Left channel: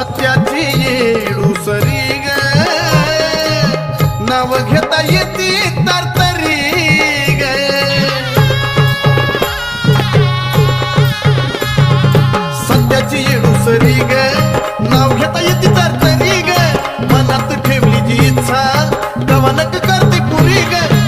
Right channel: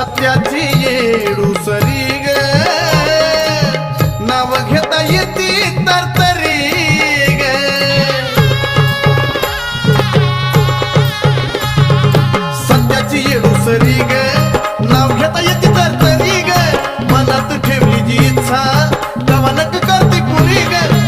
सत्याची येडूसरी ग नाव घेता येते तरतरी ग सत्याची येडूसरी ग नाव घेता येते तरतरी ग मनात ठेवली जी इच्छा गवानक करते कुणी ग